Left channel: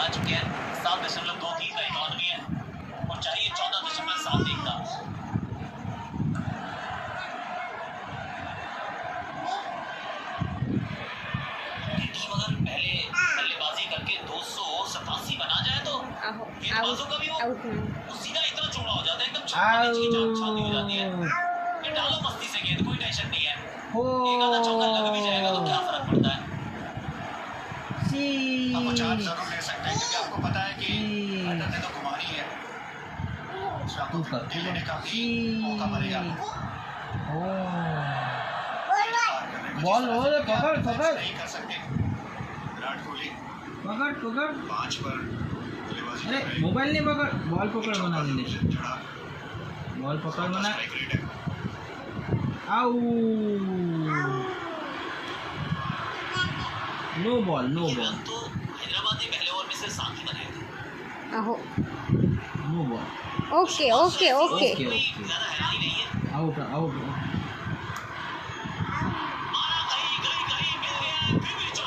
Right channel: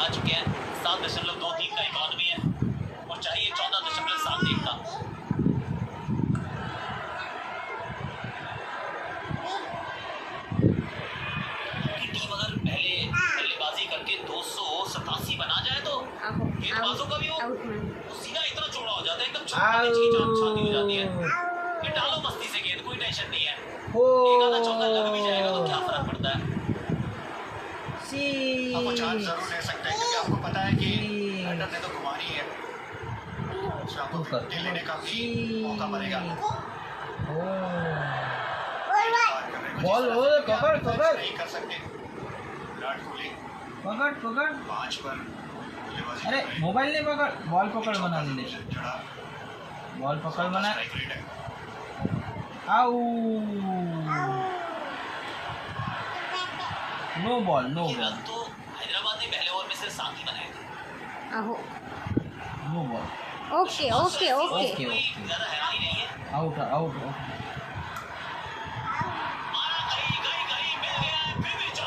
बढ़ा चुके हैं। 7.23 का इकॉनमी है और चाहिए 14.71 का। टीम अगर पहले बल्लेबाजी करके 287 बना जाए तो गेंदबाजों का भी वो सीधा इतना चौड़ा हो जाता है, एकदम छाती हो जाती है। ये डालो मस्ती से गेंद, कोई टेंशन नहीं है। एक आधा चौका लग भी जाएगा तो क्या फर्क पड़ता है। आपको चांस जरूर ले सकते हैं क्योंकि आपको पता है कि बैटर ने तो घुमानी है, उसमें आपको विकेट लेने का भी मौका मिलेगा। बॉल पकड़ नहीं कर सकते विराट कोहली। पकड़ 5 पर अरे मोबाइल नहीं पकड़, बॉल पकड़ बना दे, बॉल पकड़ बना। आउ नो बॉल नो बॉल। तो हैदराबाद ने पहले ओवर में सिर्फ 7 ही बनाए थे। आहो no ball. Okay okay okay ज्यादा हैरानी नहीं है। आउट